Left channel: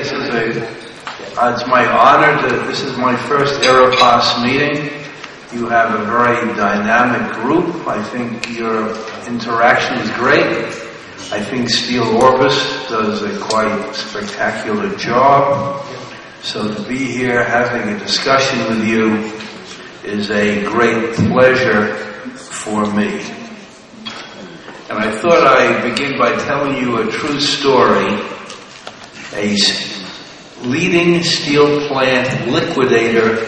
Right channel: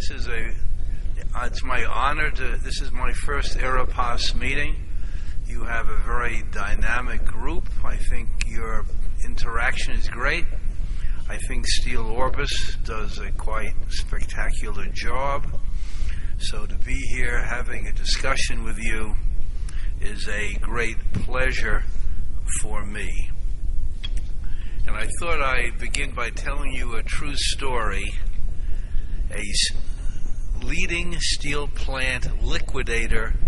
say it's my honor this is my first IREPAS meeting. You have a very dynamic group. I think your interaction is great. I think SteelOrbis does a quite spectacular job. So to be here having a discussion with you is a great pleasure for me. And I thought I'd begin by telling you a true story. A leading steel plant liquidator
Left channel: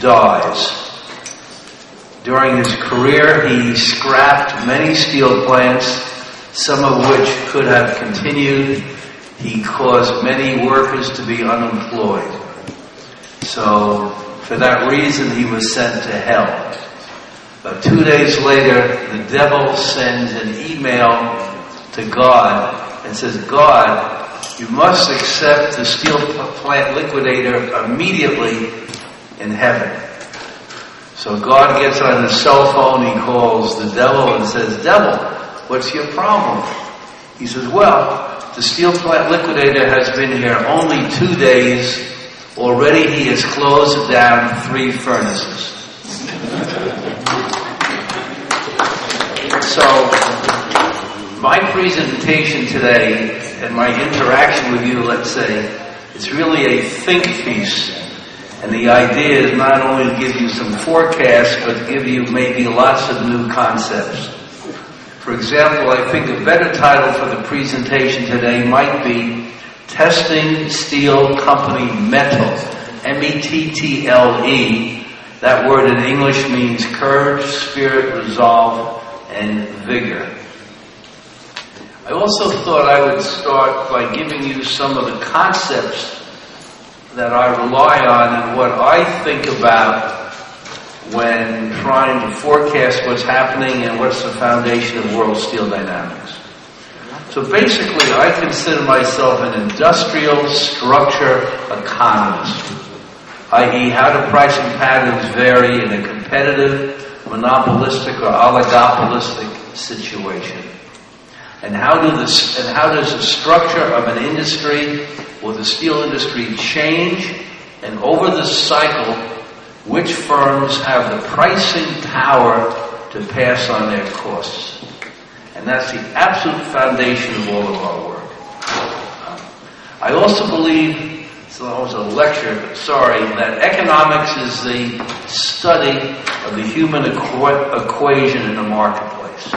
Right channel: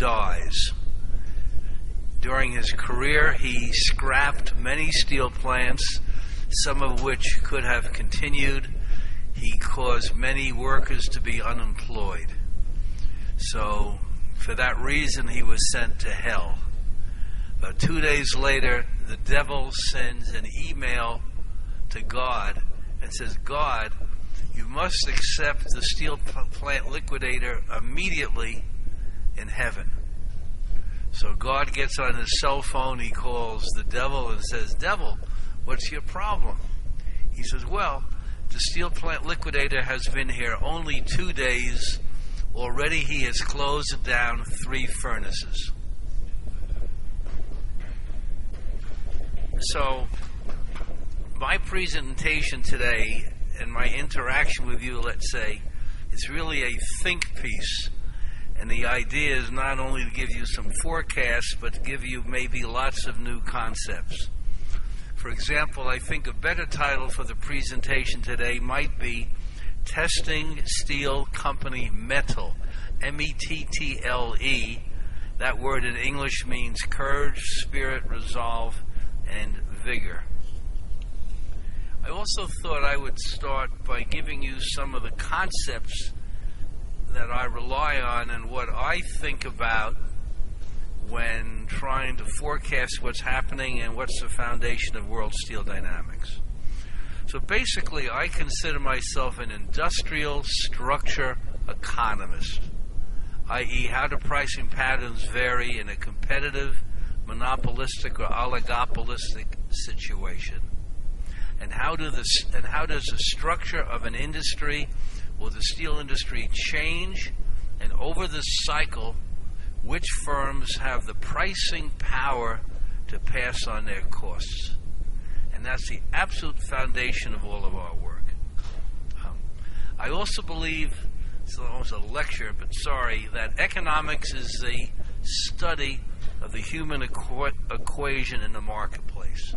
dies. During his career, he scrapped many steel plants, some of which could have continued. He caused many workers to be unemployed. So, for that reason, he was sent to hell. 2 days later, the devil sends an email to God and says, God, you must accept the steel plant liquidator immediately in heaven. So God gets on his cell phone, he calls the devil and says, Devil, what's your problem? He says, well, the steel plant liquidator has been here only 2 days. Already he has closed down 3 furnaces. So, my presentation today and my interaction with you, let's say, it's really a think piece. And the idea is not only to give you some forecasts, but to give you maybe lots of new concepts. For example, I think a better title for the presentation today might be Testing Steel Company Mettle, M-E-T-T-L-E. That word in English means courage, spirit, resolve, and vigor. I also thought I would start by giving you some of the concepts that I rely on and what I think about when trying to forecast what's happening and what's the foundation of world steel dynamics. So basically, I consider myself an industrial structure economist, i.e. how do pricing patterns vary in a competitive, monopolistic, or oligopolistic situation. And how does the structure of an industry or the steel industry change, and over the cycle, which firms have the pricing power to pass on their costs? And that's the absolute foundation of all of our work. I also believe, so that was a lecture, but sorry, that economics is the study of the human equation in the marketplace.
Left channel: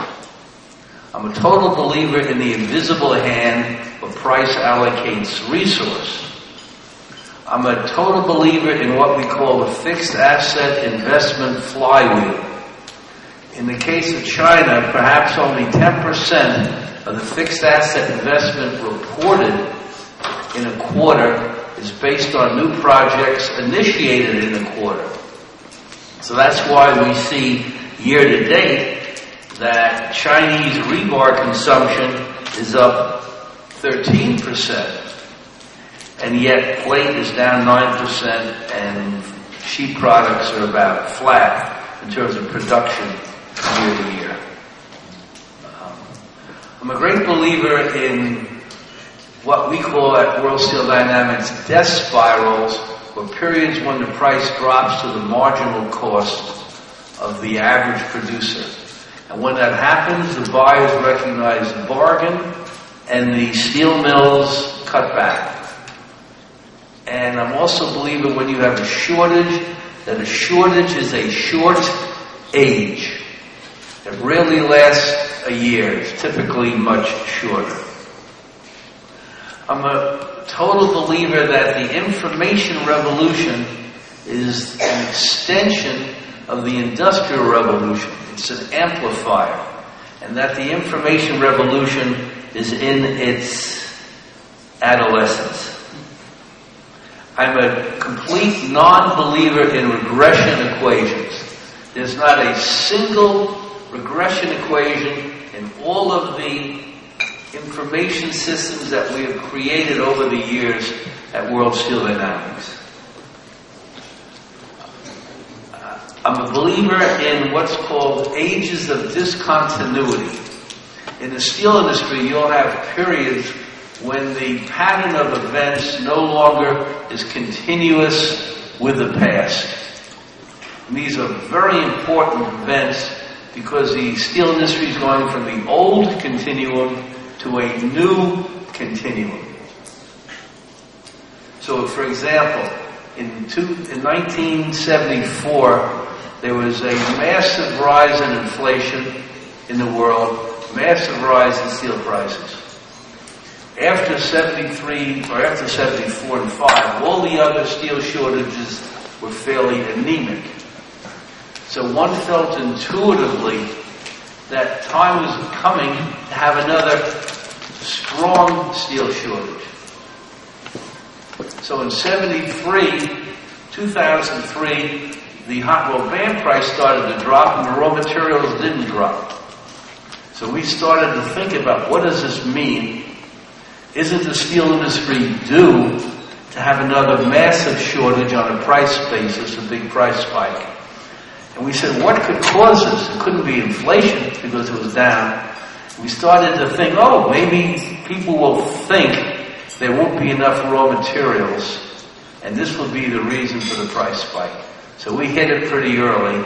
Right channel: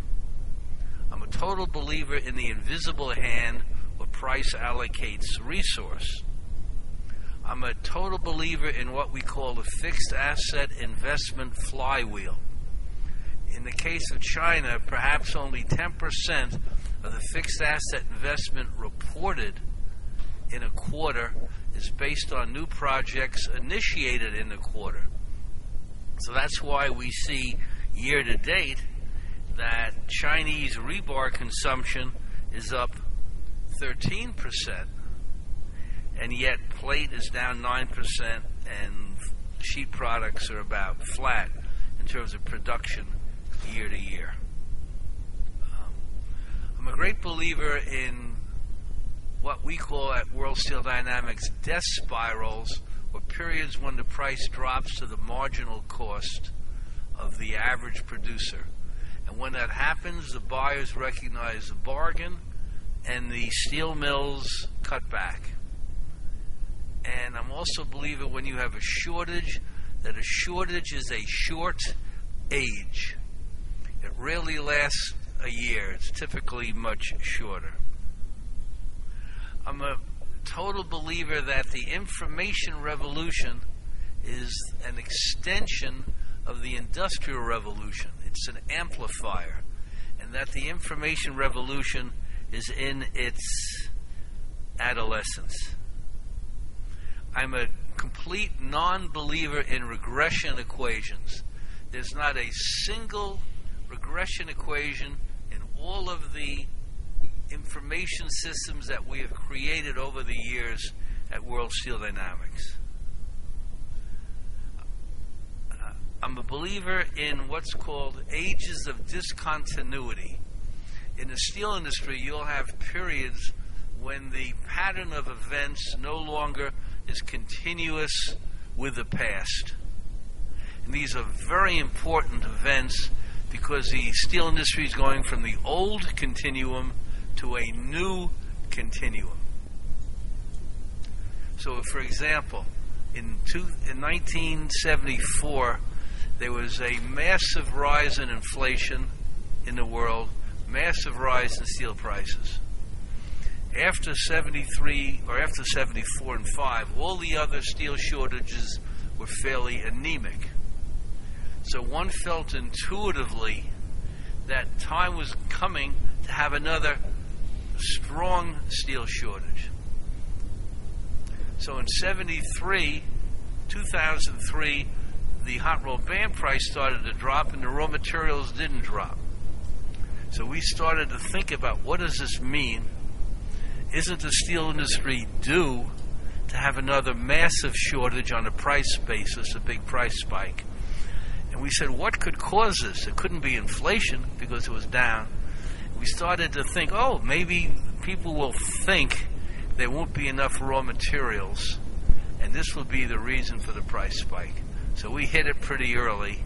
I'm a total believer in the invisible hand where price allocates resource. I'm a total believer in what we call the fixed asset investment flywheel. In the case of China, perhaps only 10% of the fixed asset investment reported in a quarter is based on new projects initiated in the quarter. So that's why we see year to date that Chinese rebar consumption is up 13%, and yet plate is down 9%, and sheet products are about flat in terms of production year to year. I'm a great believer in what we call at World Steel Dynamics death spirals, or periods when the price drops to the marginal cost of the average producer. And when that happens, the buyers recognize the bargain, and the steel mills cut back. And I'm also a believer when you have a shortage, that a shortage is a short age. It rarely lasts a year. It's typically much shorter. I'm a total believer that the information revolution is an extension of the industrial revolution. It's an amplifier. And that the information revolution is in its adolescence. I'm a complete non-believer in regression equations. There's not a single regression equation in all of the information systems that we have created over the years at World Steel Dynamics. I'm a believer in what's called ages of discontinuity. In the steel industry, you'll have periods when the pattern of events no longer is continuous with the past. And these are very important events because the steel industry is going from the old continuum to a new continuum. So, for example, in 1974, there was a massive rise in inflation in the world, massive rise in steel prices. After 73, or after 74 and 5, all the other steel shortages were fairly anemic. So one felt intuitively that time was coming to have another strong steel shortage. So in 2003, the hot rolled band price started to drop and the raw materials didn't drop. So we started to think about, what does this mean? Isn't the steel industry due to have another massive shortage on a price basis, a big price spike? And we said, what could cause this? It couldn't be inflation because it was down. We started to think, maybe people will think there won't be enough raw materials, and this will be the reason for the price spike. So we hit it pretty early,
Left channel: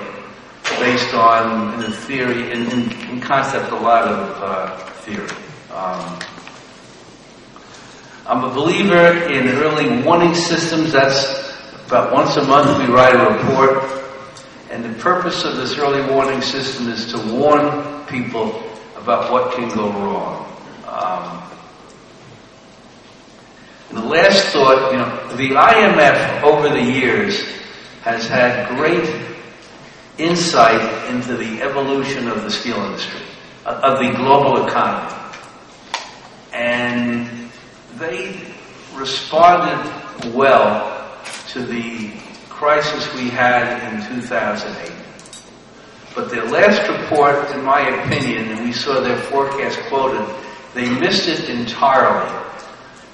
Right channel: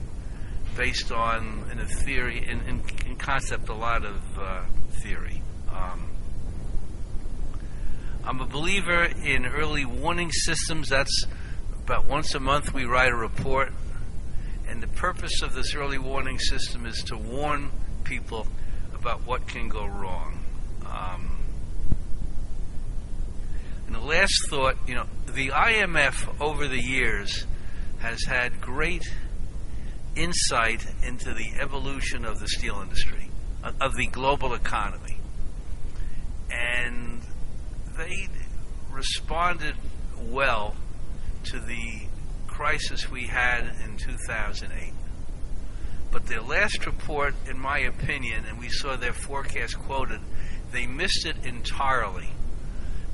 based on, in the theory, in concept, a lot of theory. I'm a believer in early warning systems. That's about once a month we write a report. And the purpose of this early warning system is to warn people about what can go wrong. And the last thought, the IMF over the years has had great insight into the evolution of the steel industry, of the global economy. And they responded well to the crisis we had in 2008. But their last report, in my opinion, and we saw their forecast quoted, they missed it entirely.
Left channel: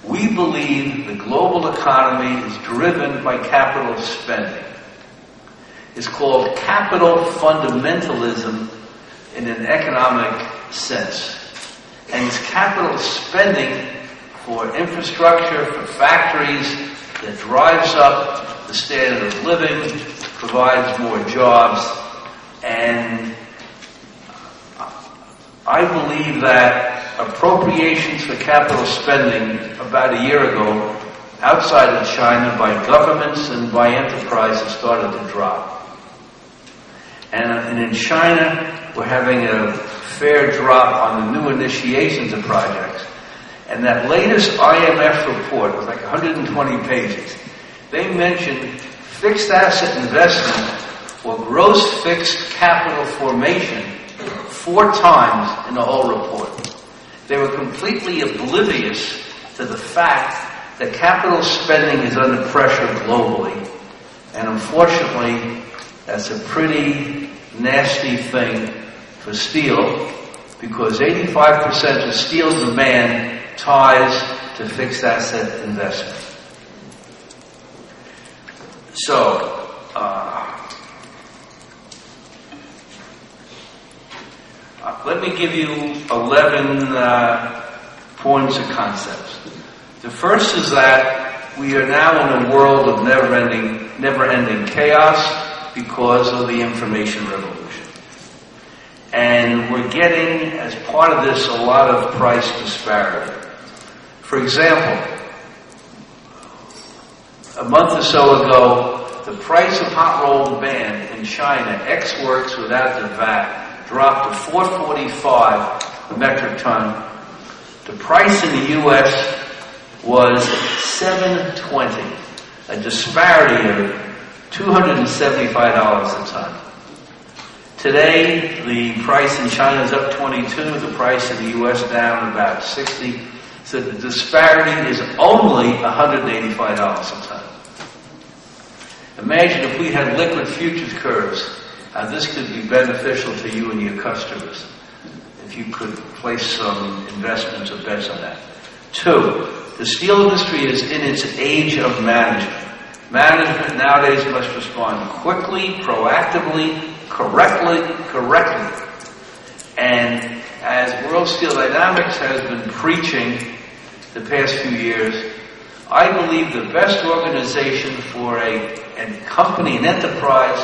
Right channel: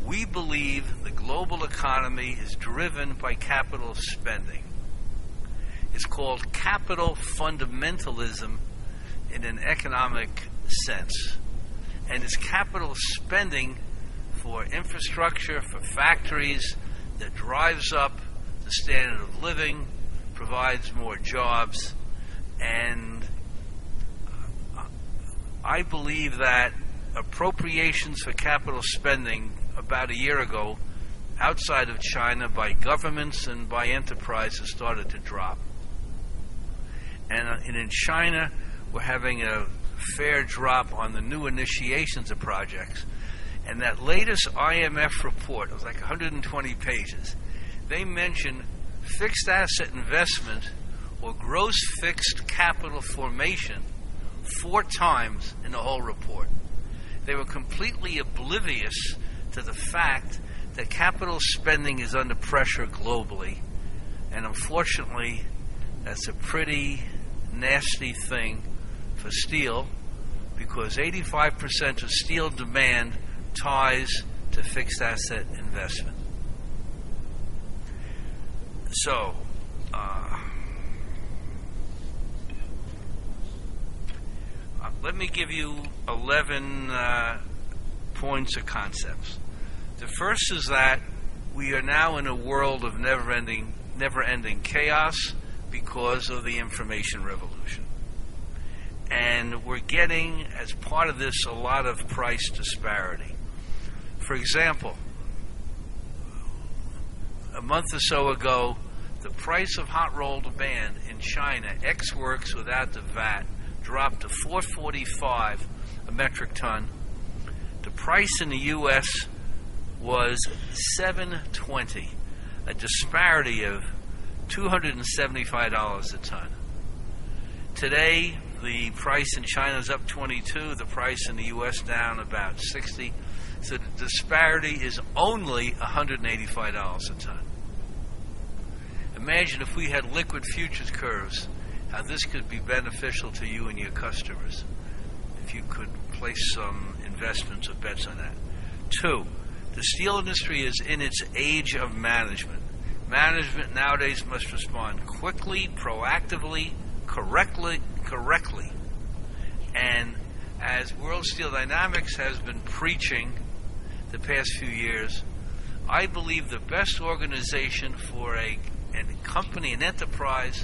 We believe the global economy is driven by capital spending. It's called capital fundamentalism in an economic sense. And it's capital spending for infrastructure, for factories, that drives up the standard of living, provides more jobs, and I believe that appropriations for capital spending about a year ago outside of China by governments and by enterprises started to drop. And in China, we're having a fair drop on the new initiations of projects. And that latest IMF report, was like 120 pages, they mentioned fixed asset investment or gross fixed capital formation 4 times in the whole report. They were completely oblivious to the fact that capital spending is under pressure globally. And unfortunately, that's a pretty nasty thing for steel, because 85% of steel demand ties to fixed asset investment. So, let me give you 11 points or concepts. The first is that we are now in a world of never-ending chaos because of the information revolution. And we're getting, as part of this, a lot of price disparity. For example, a month or so ago, the price of hot rolled band in China, ex-works without the VAT, dropped to $445 a metric ton. The price in the U.S. was $720, a disparity of $275 a ton. Today, the price in China is up 22, the price in the U.S. down about 60. So the disparity is only $185 a ton. Imagine if we had liquid futures curves, this could be beneficial to you and your customers if you could place some investments or bets on that. 2, the steel industry is in its age of management. Management nowadays must respond quickly, proactively, correctly. And as World Steel Dynamics has been preaching, the past few years, I believe the best organization for a company, an enterprise,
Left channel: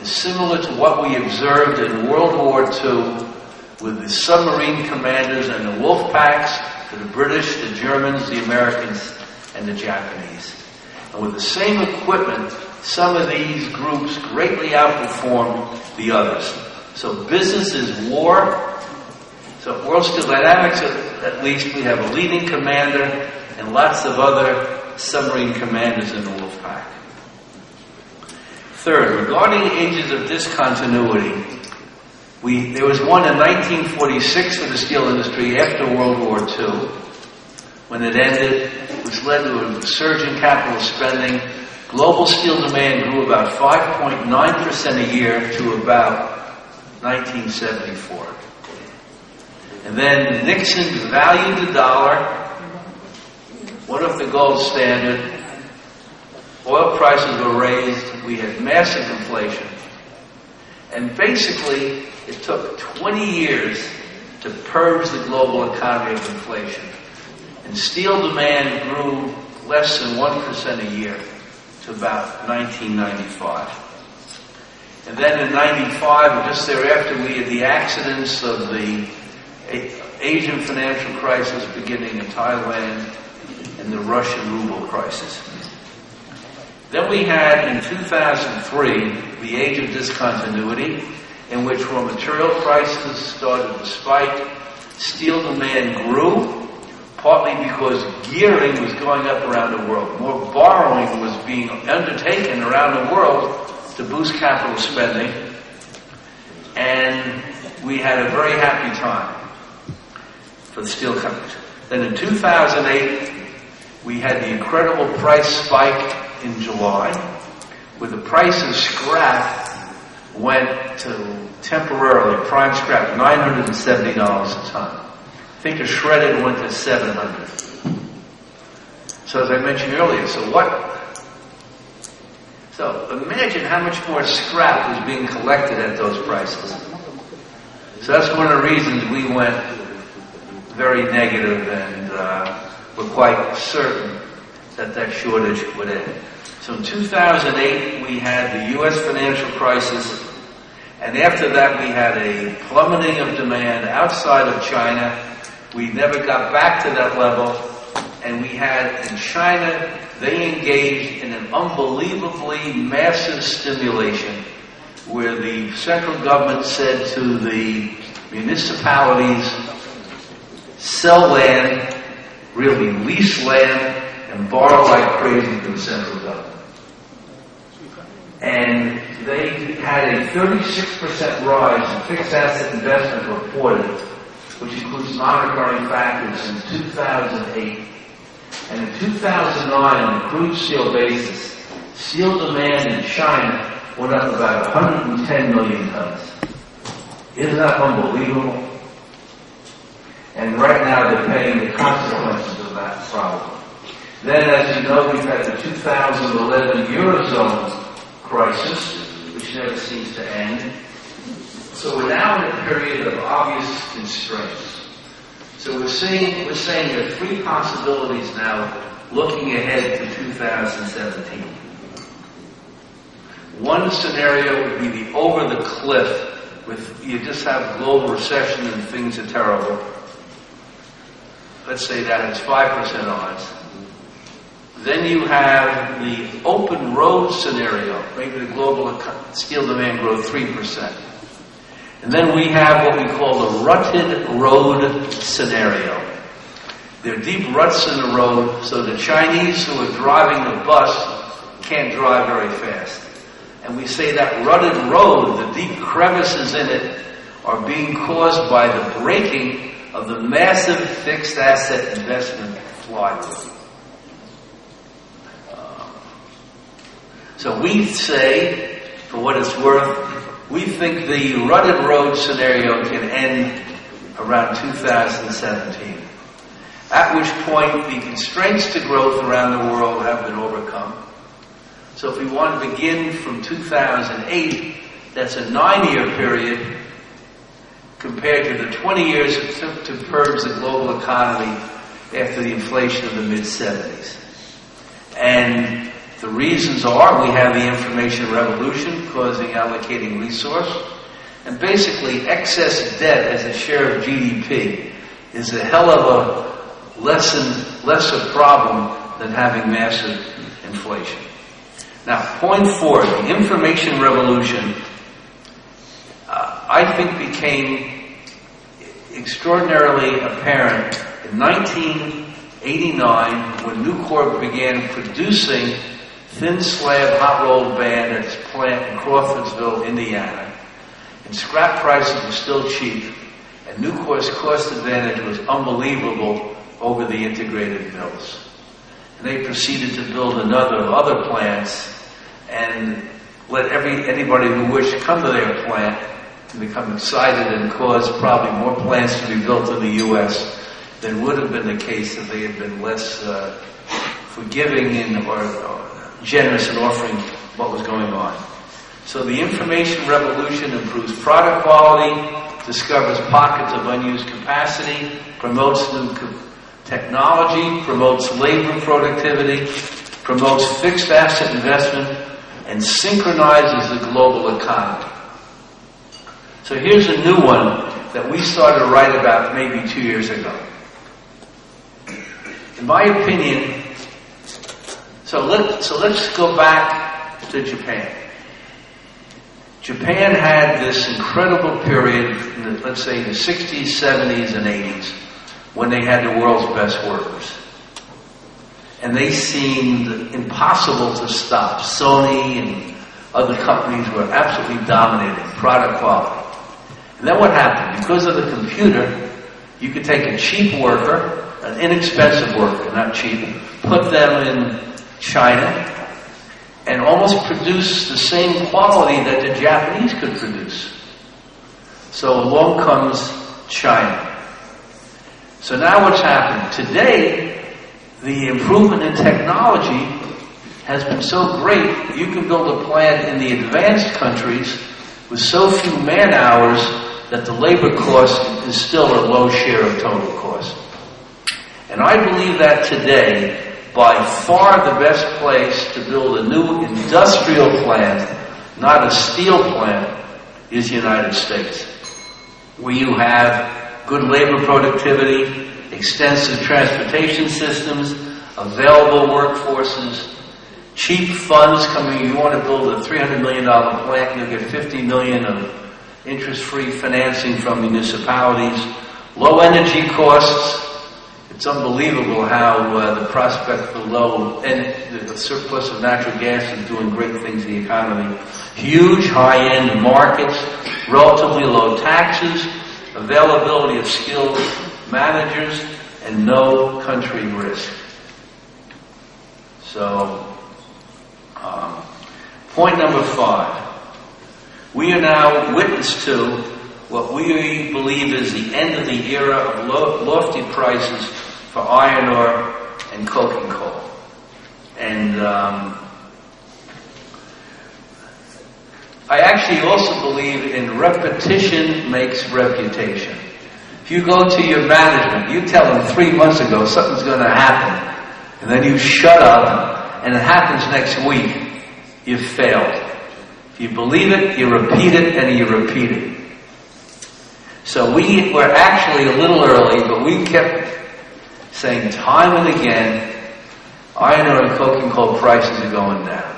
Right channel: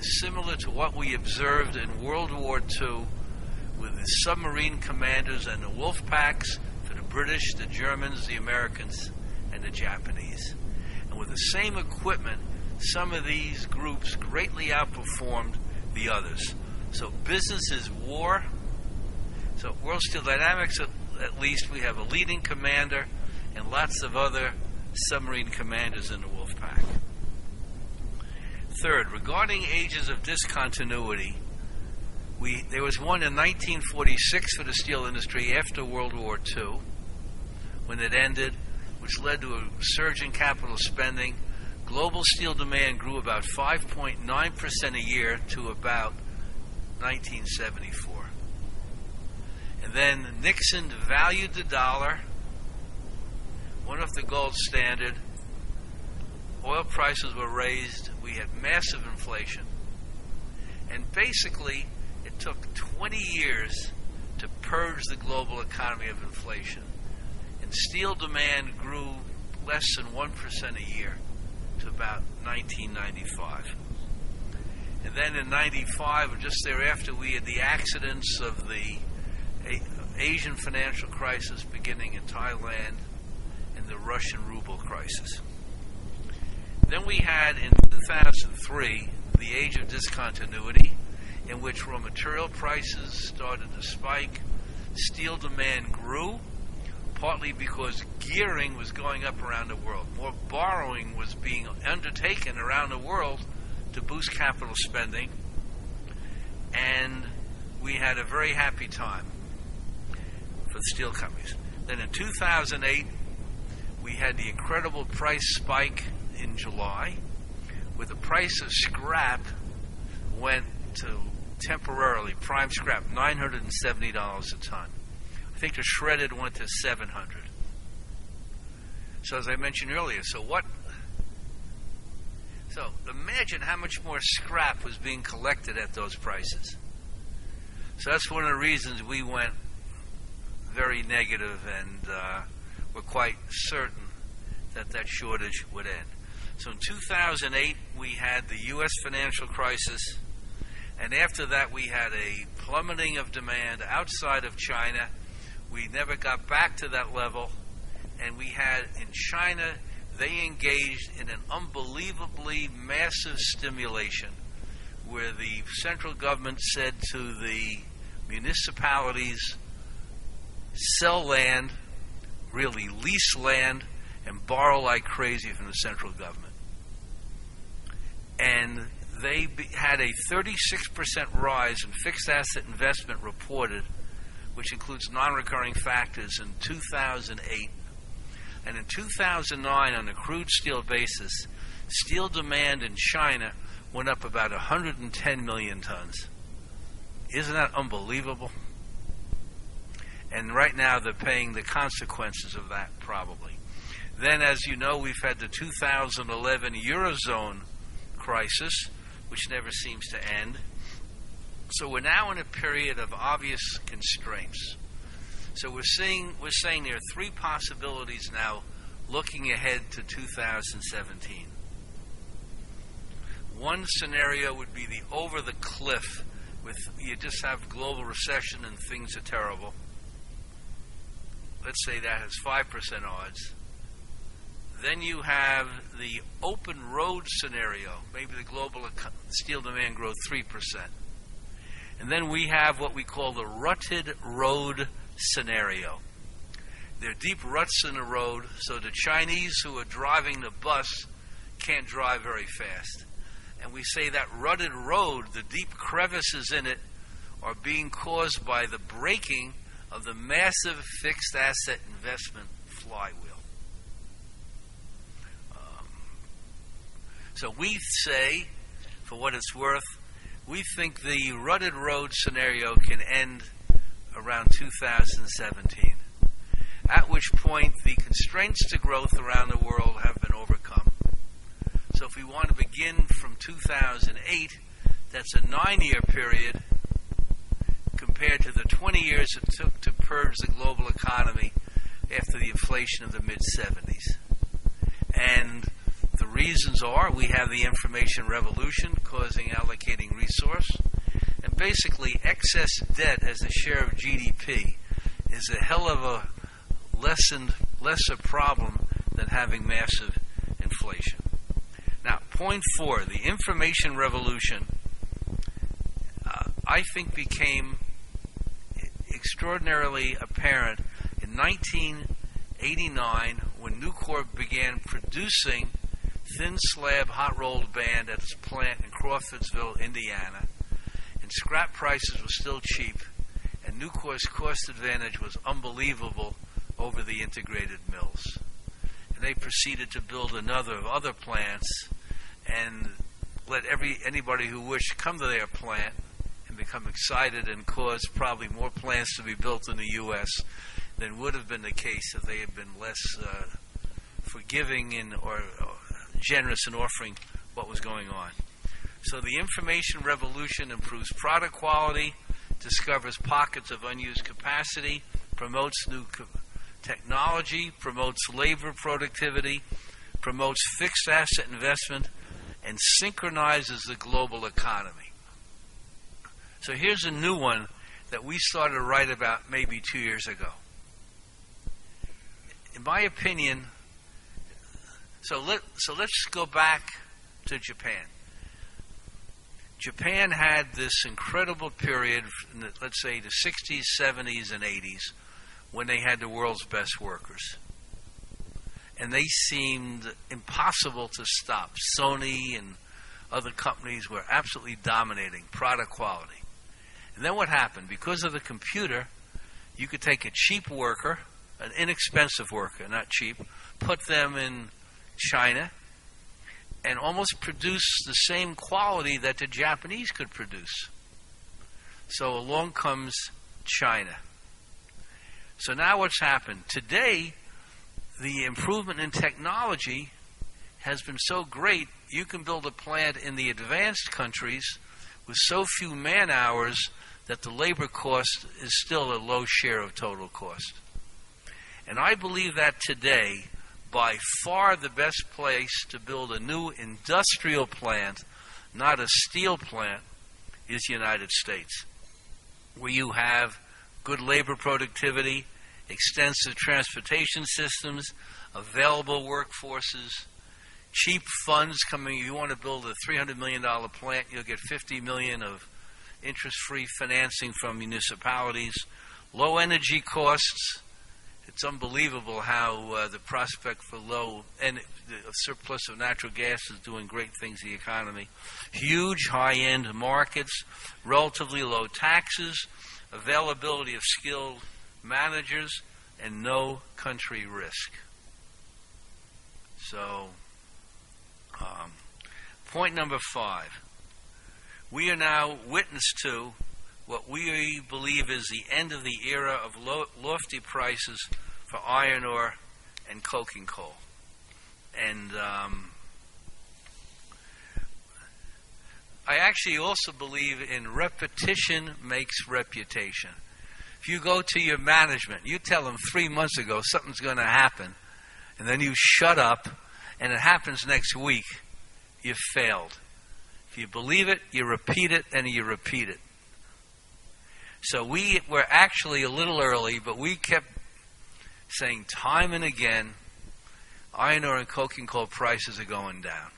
is similar to what we observed in World War II with the submarine commanders and the wolf packs for the British, the Germans, the Americans, and the Japanese. And with the same equipment, some of these groups greatly outperformed the others. So business is war. So World Steel Dynamics, at least, we have a leading commander and lots of other submarine commanders in the Wolfpack. Third, regarding ages of discontinuity, there was one in 1946 for the steel industry after World War II. When it ended, which led to a surge in capital spending. Global steel demand grew about 5.9% a year to about 1974. And then Nixon valued the dollar, went up the gold standard, oil prices were raised, we had massive inflation. And basically, it took 20 years to purge the global economy of inflation. And steel demand grew less than 1% a year to about 1995. And then in 95, just thereafter, we had the accidents of the Asian financial crisis beginning in Thailand and the Russian ruble crisis. Then we had in 2003 the age of discontinuity, in which raw material prices started to spike, steel demand grew, partly because gearing was going up around the world. More borrowing was being undertaken around the world to boost capital spending, and we had a very happy time for the steel companies. Then in 2008, we had the incredible price spike in July, where the price of scrap went to temporarily, prime scrap, $970 a ton. I think a shredded went to $700. So as I mentioned earlier, so imagine how much more scrap was being collected at those prices. So that's one of the reasons we went very negative and were quite certain that that shortage would end. So in 2008, we had the U.S. financial crisis, and after that we had a plummeting of demand outside of China. We never got back to that level, and we had in China, they engaged in an unbelievably massive stimulation where the central government said to the municipalities, sell land, really lease land, and borrow like crazy from the central government. And they had a 36% rise in fixed asset investment reported, which includes non-recurring factors in 2008. And in 2009, on a crude steel basis, steel demand in China went up about 110 million tons. Isn't that unbelievable? And right now they're paying the consequences of that problem. Then, as you know, we've had the 2011 Eurozone crisis, which never seems to end. So we're now in a period of obvious constraints. So we're saying there are three possibilities now looking ahead to 2017. One scenario would be the over the cliff, with you just have global recession and things are terrible. Let's say that has 5% odds. Then you have the open road scenario, maybe the global steel demand grow 3%. And then we have what we call the rutted road scenario. There are deep ruts in the road, so the Chinese who are driving the bus can't drive very fast. And we say that rutted road, the deep crevices in it, are being caused by the breaking of the massive fixed asset investment flywheel. So we say, for what it's worth, we think the rutted road scenario can end around 2017, at which point the constraints to growth around the world have been overcome. So if we want to begin from 2008, that's a 9-year period compared to the 20 years it took to purge the global economy after the inflation of the mid-70s. And the reasons are we have the information revolution causing allocating resource, and basically excess debt as a share of GDP is a hell of a lesser problem than having massive inflation. Now, point 4, the information revolution, I think became extraordinarily apparent in 1989 when Nucor began producing thin slab hot rolled band at its plant in Crawfordsville, Indiana. And scrap prices were still cheap, and Nucor's cost advantage was unbelievable over the integrated mills. And they proceeded to build other plants and let anybody who wished to come to their plant and become excited and cause probably more plants to be built in the U.S. than would have been the case if they had been less forgiving or generous in offering what was going on. So the information revolution improves product quality, discovers pockets of unused capacity, promotes new technology, promotes labor productivity, promotes fixed asset investment, and synchronizes the global economy. So here's a new one that we started to write about maybe 2 years ago. In my opinion, so let's go back to Japan. Japan had this incredible period, let's say in the 60s, 70s, and 80s, when they had the world's best workers. And they seemed impossible to stop. Sony and other companies were absolutely dominating product quality. And then what happened? Because of the computer, you could take a cheap worker, an inexpensive worker, not cheap, put them in China, and almost produce the same quality that the Japanese could produce. So along comes China. So now what's happened? Today, the improvement in technology has been so great that you can build a plant in the advanced countries with so few man hours that the labor cost is still a low share of total cost. And I believe that today, by far the best place to build a new industrial plant, not a steel plant, is the United States, where you have good labor productivity, extensive transportation systems, available workforces, cheap funds coming. You want to build a $300 million plant, you'll get $50 million of interest-free financing from municipalities, low energy costs. It's unbelievable how the prospect for low and the surplus of natural gas is doing great things in the economy. Huge high-end markets, relatively low taxes, availability of skilled managers, and no country risk. So, point number 5. We are now witness to what we believe is the end of the era of lofty prices for iron ore and coking coal. And I actually also believe in repetition makes reputation. If you go to your management, you tell them 3 months ago something's going to happen, and then you shut up, and it happens next week, you've failed. If you believe it, you repeat it, and you repeat it. So we were actually a little early, but we kept saying time and again, iron ore and coking coal prices are going down.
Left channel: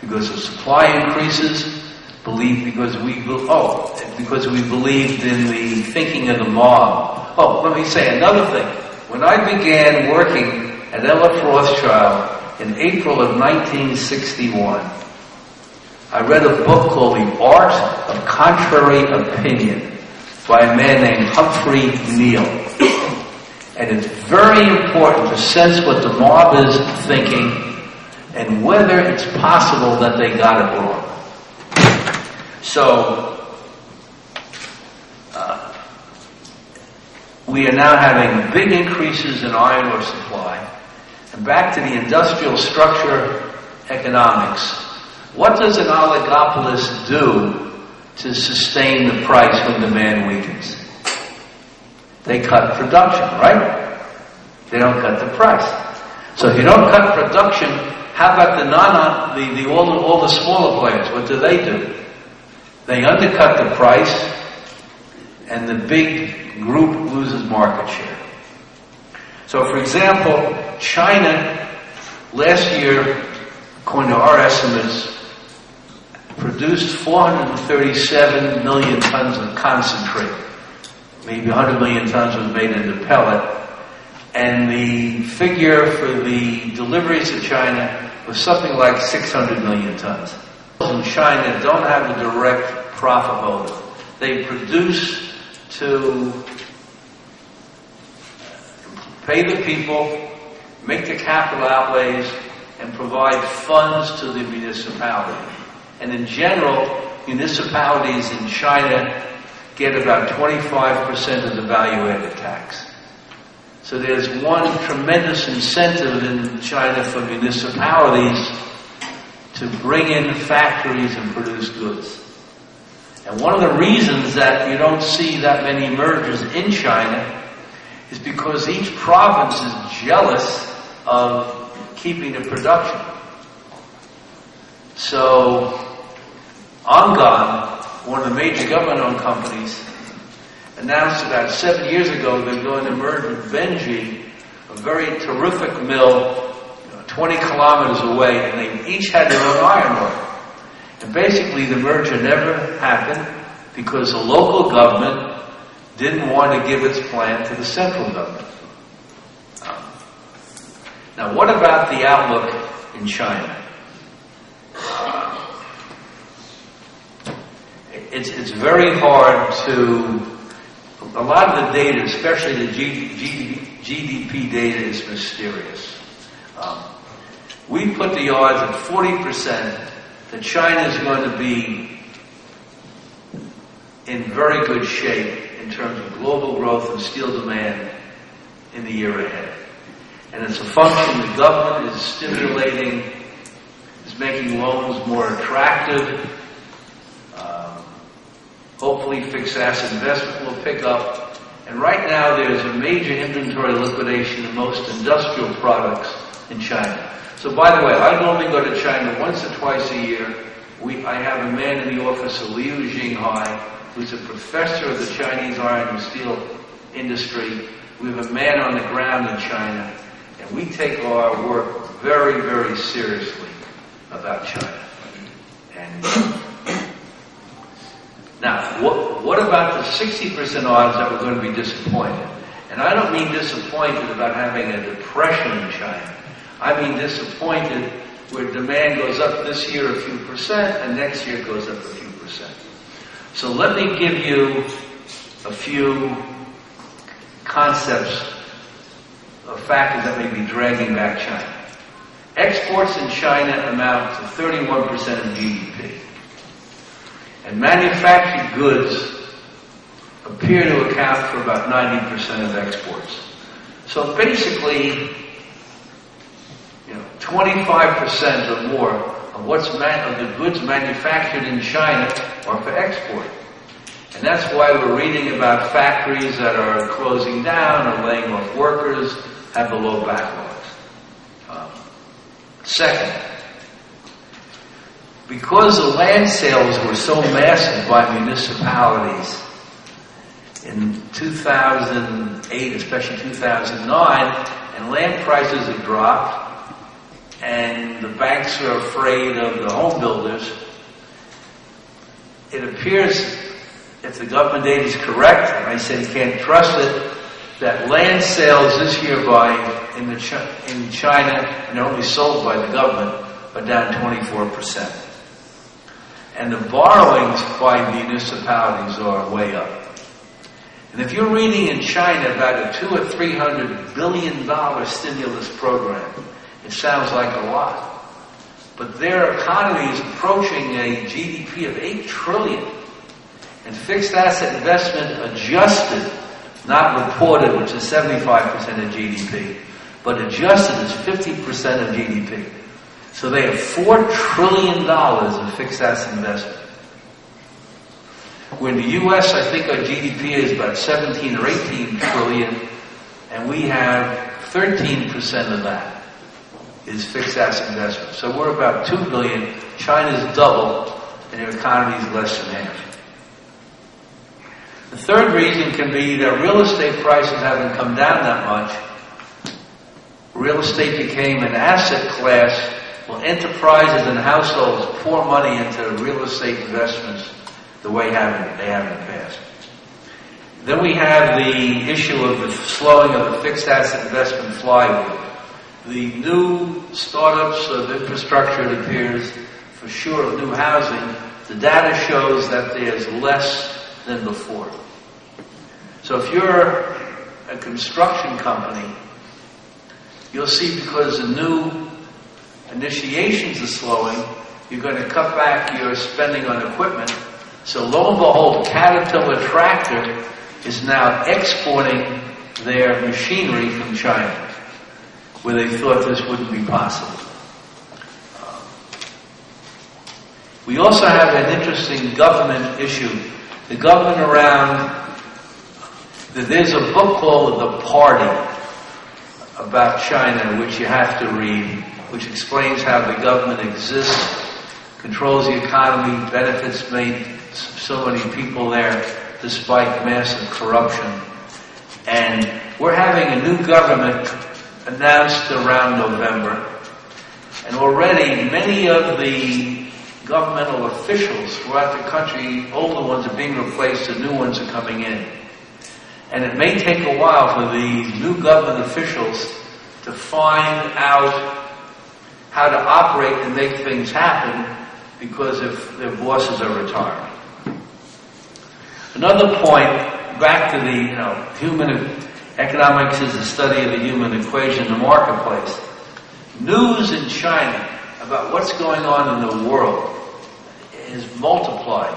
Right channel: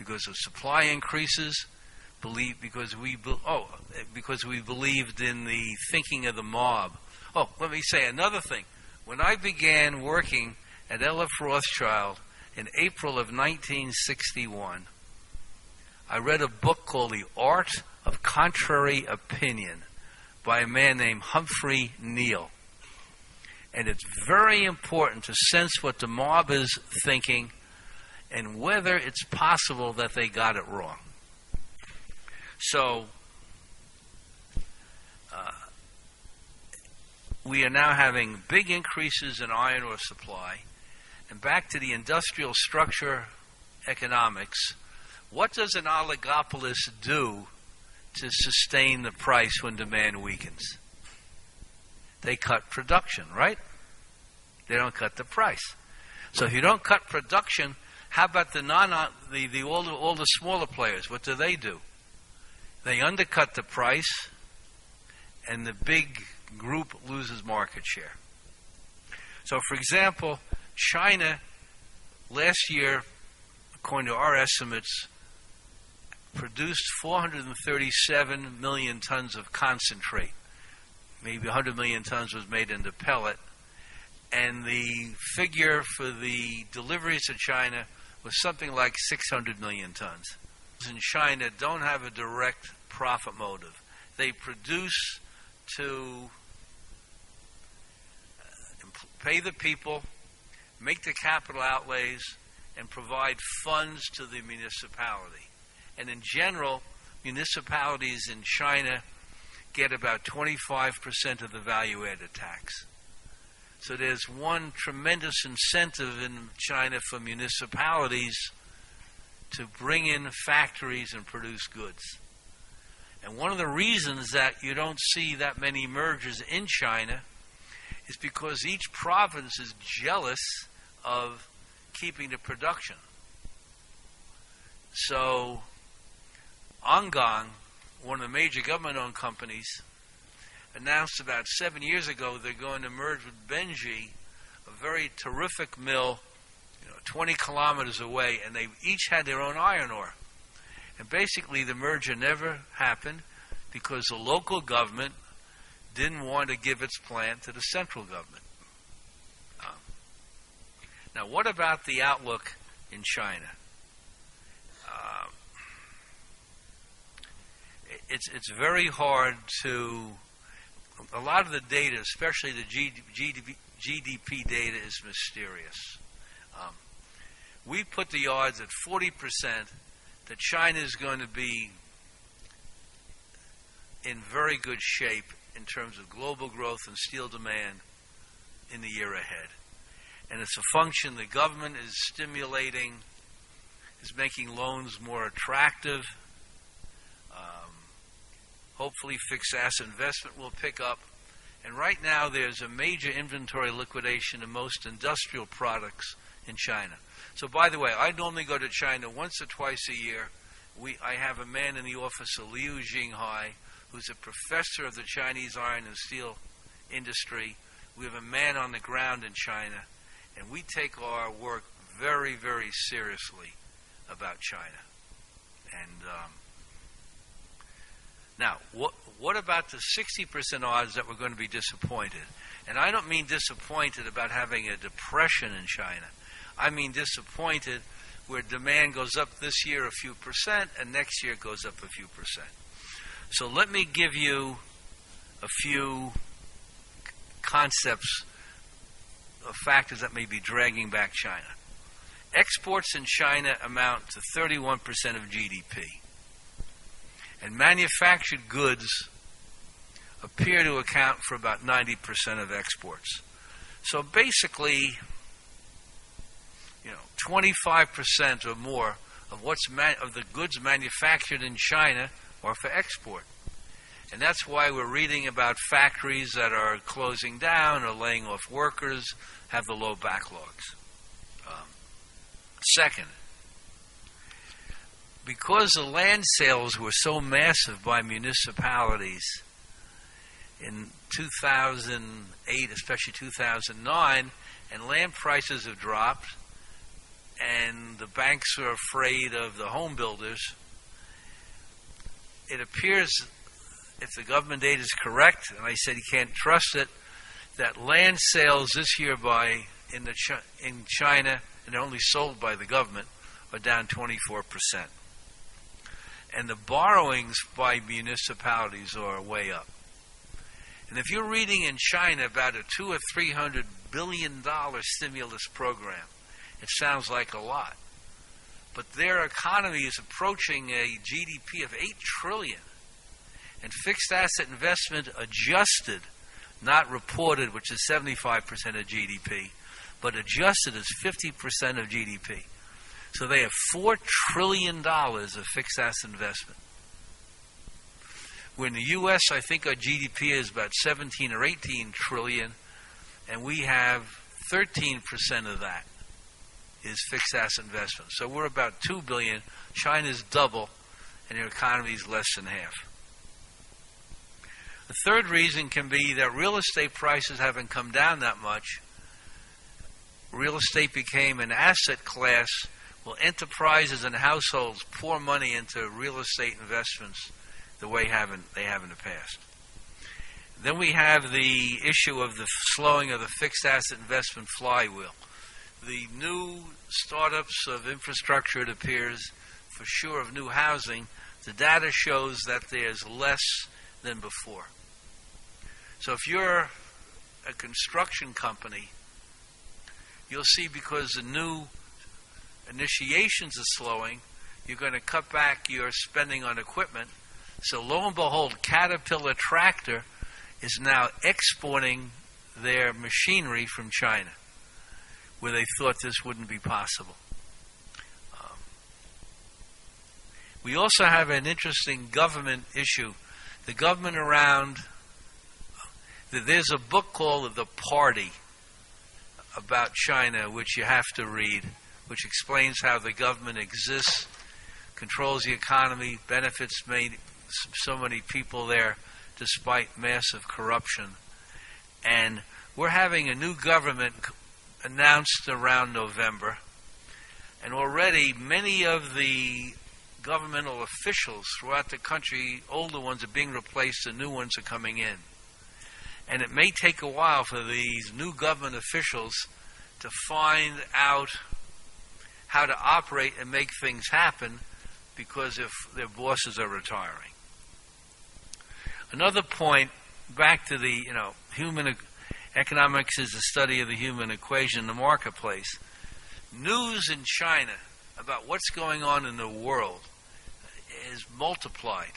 Because of supply increases, because we believed in the thinking of the mob. Oh, let me say another thing. When I began working at L.F. Rothschild in April of 1961, I read a book called The Art of Contrary Opinion by a man named Humphrey Neal. And it's very important to sense what the mob is thinking and whether it's possible that they got it wrong. So, we are now having big increases in iron ore supply. And back to the industrial structure economics. What does an oligopolist do to sustain the price when demand weakens? They cut production, right? They don't cut the price. So if you don't cut production, how about all the smaller players? What do? They undercut the price, and the big group loses market share. So, for example, China last year, according to our estimates, produced 437 million tons of concentrate. Maybe 100 million tons was made into pellet. And the figure for the deliveries to China was something like 600 million tons. In China don't have a direct profit motive. They produce to pay the people, make the capital outlays, and provide funds to the municipality. And in general, municipalities in China get about 25% of the value-added tax. So there's one tremendous incentive in China for municipalities to bring in factories and produce goods. And one of the reasons that you don't see that many mergers in China is because each province is jealous of keeping the production. So Angan, one of the major government-owned companies, announced about 7 years ago they're going to merge with Benji, a very terrific mill, 20 kilometers away, and they each had their own iron ore. And basically the merger never happened because the local government didn't want to give its plant to the central government. Now, what about the outlook in China? It's very hard to, a lot of the data, especially the GDP data, is mysterious. We put the odds at 40% that China is going to be in very good shape in terms of global growth and steel demand in the year ahead. And it's a function the government is stimulating, is making loans more attractive. Hopefully fixed asset investment will pick up. And right now there's a major inventory liquidation of most industrial products in China. So by the way, I normally go to China once or twice a year. I have a man in the office, Liu Jinghai, who's a professor of the Chinese iron and steel industry. We have a man on the ground in China, and we take our work very, very seriously about China. And now, what about the 60% odds that we're going to be disappointed? And I don't mean disappointed about having a depression in China. I mean disappointed where demand goes up this year a few percent and next year it goes up a few percent. So let me give you a few concepts of factors that may be dragging back China. Exports in China amount to 31% of GDP. And manufactured goods appear to account for about 90% of exports. So basically, 25% or more of the goods manufactured in China are for export. And that's why we're reading about factories that are closing down or laying off workers, have the low backlogs. Second, because the land sales were so massive by municipalities in 2008, especially 2009, and land prices have dropped, and the banks are afraid of the home builders, it appears, if the government data is correct, and I said you can't trust it, that land sales this year in China, and only sold by the government, are down 24%. And the borrowings by municipalities are way up. And if you're reading in China about a $200 or $300 billion stimulus program, it sounds like a lot. But their economy is approaching a GDP of $8 trillion. And fixed asset investment adjusted, not reported, which is 75% of GDP, but adjusted is 50% of GDP. So they have $4 trillion of fixed asset investment. When the U.S., I think our GDP is about 17 or 18 trillion, and we have 13% of that is fixed asset investment. So we're about $2 billion. China's double, and their economy is less than half. The third reason can be that real estate prices haven't come down that much. Real estate became an asset class. Well, enterprises and households pour money into real estate investments the way they have in the past. Then we have the issue of the slowing of the fixed asset investment flywheel. The new startups of infrastructure, it appears, for sure, of new housing, the data shows that there's less than before. So if you're a construction company, you'll see because the new initiations are slowing, you're going to cut back your spending on equipment. So lo and behold, Caterpillar Tractor is now exporting their machinery from China, where they thought this wouldn't be possible. We also have an interesting government issue. The government around, there's a book called The Party about China, which you have to read, which explains how the government exists, controls the economy, benefits made so many people there despite massive corruption. And we're having a new government announced around November. And already many of the governmental officials throughout the country, older ones are being replaced and new ones are coming in. And it may take a while for these new government officials to find out how to operate and make things happen, because if their bosses are retiring. Another point, back to the, human economics is the study of the human equation in the marketplace. News in China about what's going on in the world is multiplied,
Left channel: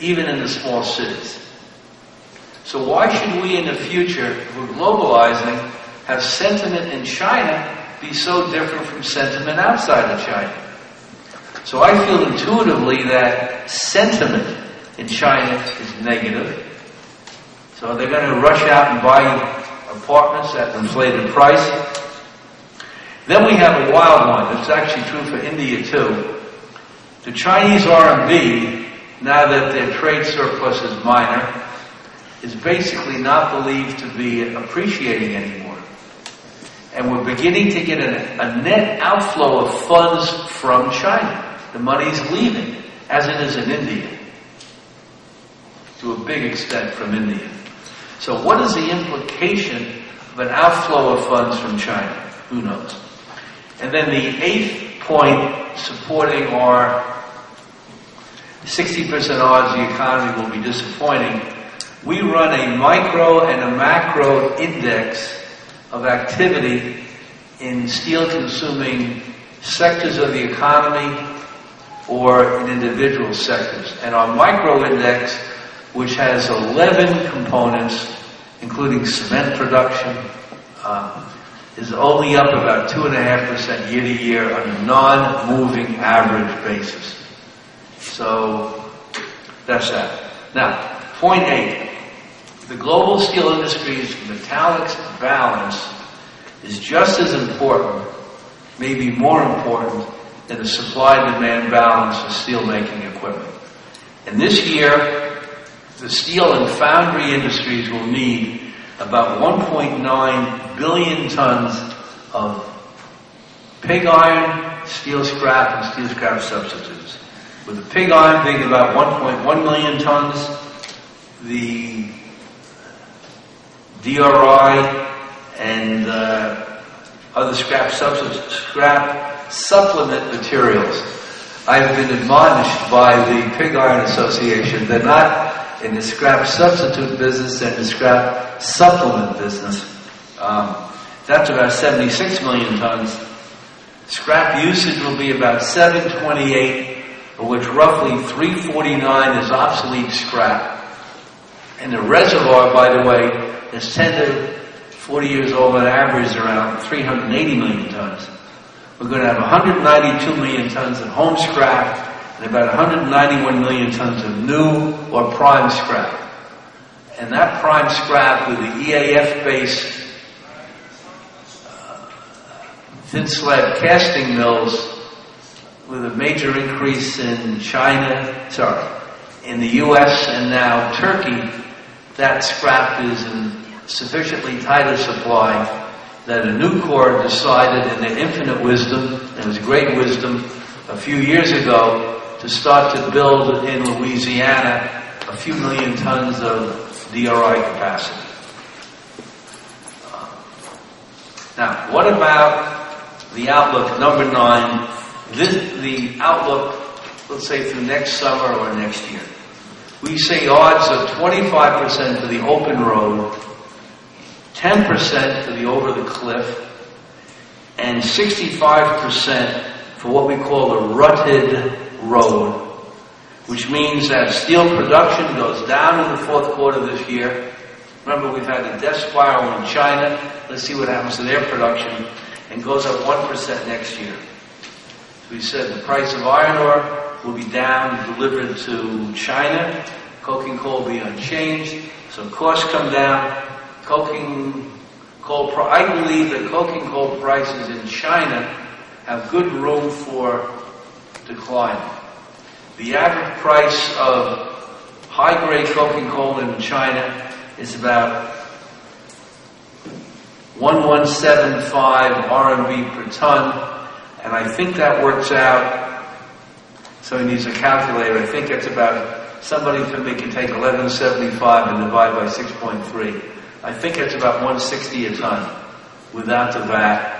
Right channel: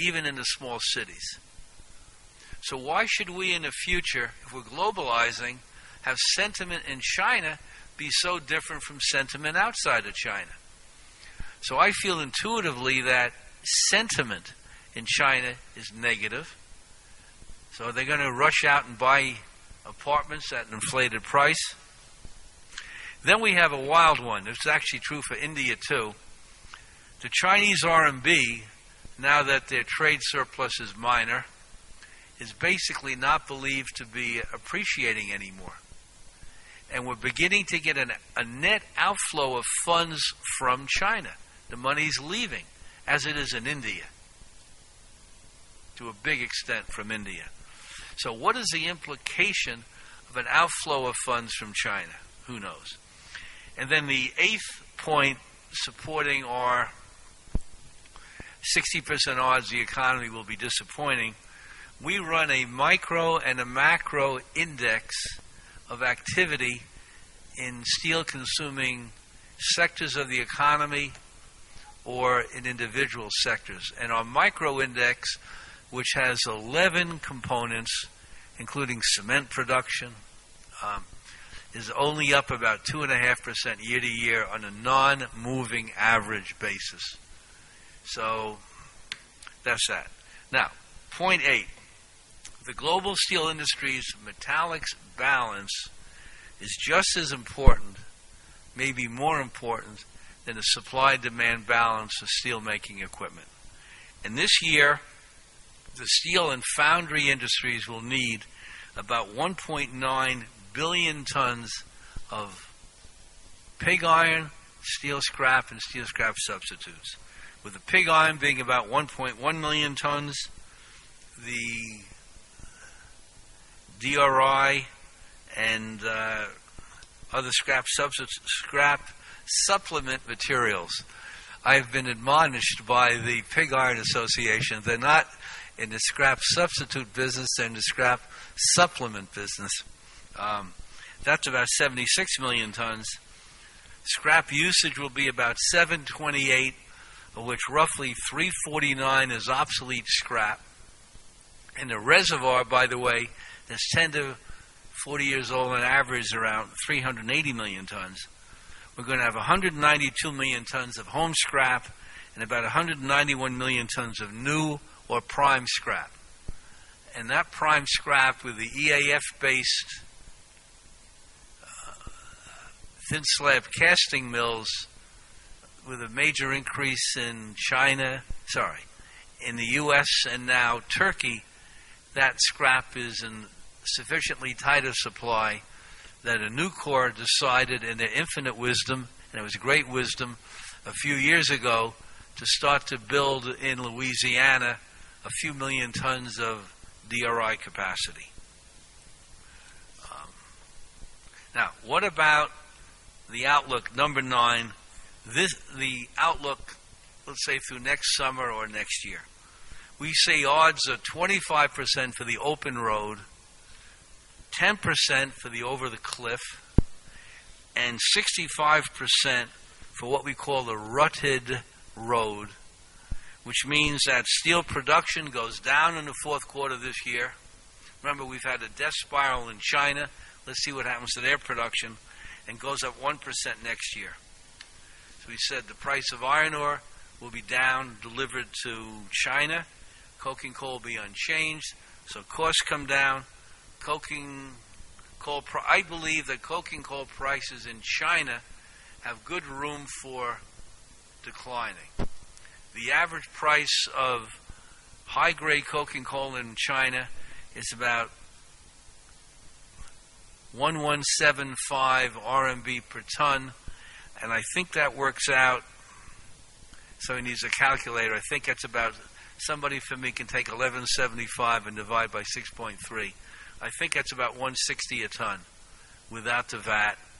even in the small cities. So why should we in the future, if we're globalizing, have sentiment in China be so different from sentiment outside of China? So I feel intuitively that sentiment in China is negative. So they're going to rush out and buy apartments at an inflated price. Then we have a wild one. It's actually true for India too. The Chinese RMB, now that their trade surplus is minor, is basically not believed to be appreciating anymore. And we're beginning to get a net outflow of funds from China. The money's leaving, as it is in India, to a big extent from India. So what is the implication of an outflow of funds from China? Who knows? And then the eighth point supporting our 60% odds the economy will be disappointing. We run a micro and a macro index of activity in steel-consuming sectors of the economy or in individual sectors. And our micro index, which has 11 components, including cement production, is only up about 2.5% year to year on a non-moving average basis. So that's that. Now, point 8. The global steel industry's metallics balance is just as important, maybe more important, than the supply-demand balance of steel-making equipment. And this year, the steel and foundry industries will need about 1.9 billion tons of pig iron, steel scrap, and steel scrap substitutes. With the pig iron being about 1.1 million tons, the DRI and other scrap supplement materials. I've been admonished by the Pig Iron Association. They're not in the scrap substitute business, they're in the scrap supplement business. That's about 76 million tons. Scrap usage will be about 728, of which roughly 349 is obsolete scrap. And the reservoir, by the way, is 10 to 40 years old on average, around 380 million tons. We're going to have 192 million tons of home scrap and about 191 million tons of new or prime scrap. And that prime scrap with the EAF-based thin slab casting mills with a major increase in in the U.S. and now Turkey, that scrap is in sufficiently tighter supply that a new Corps decided in their infinite wisdom, and it was great wisdom, a few years ago to start to build in Louisiana a few million tons of DRI capacity. Now, what about the outlook, number 9, the outlook, let's say through next summer or next year? We say odds of 25% for the open road, 10% for the over the cliff, and 65% for what we call the rutted road, which means that steel production goes down in the fourth quarter this year. Remember, we've had a death spiral in China. Let's see what happens to their production, and goes up 1% next year. We said the price of iron ore will be down, delivered to China. Coking coal will be unchanged, so costs come down. I believe that coking coal prices in China have good room for decline. The average price of high-grade coking coal in China is about 1175 RMB per ton, and I think that works out, somebody needs a calculator, I think it's about, somebody for me can take 1175 and divide by 6.3. I think it's about 160 a ton without the VAT.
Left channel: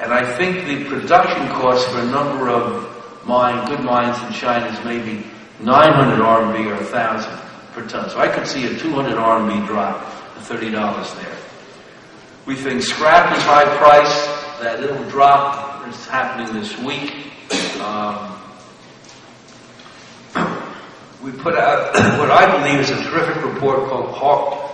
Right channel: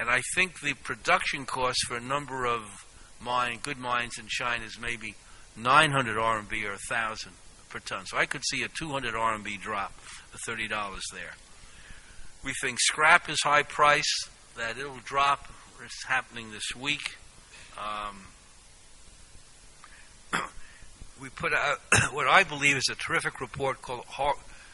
And I think the production cost for a number of good mines in China is maybe 900 RMB or 1,000 per ton. So I could see a 200 RMB drop to $30 there. We think scrap is high price, that it'll drop. It's happening this week. We put out what I believe is a terrific report called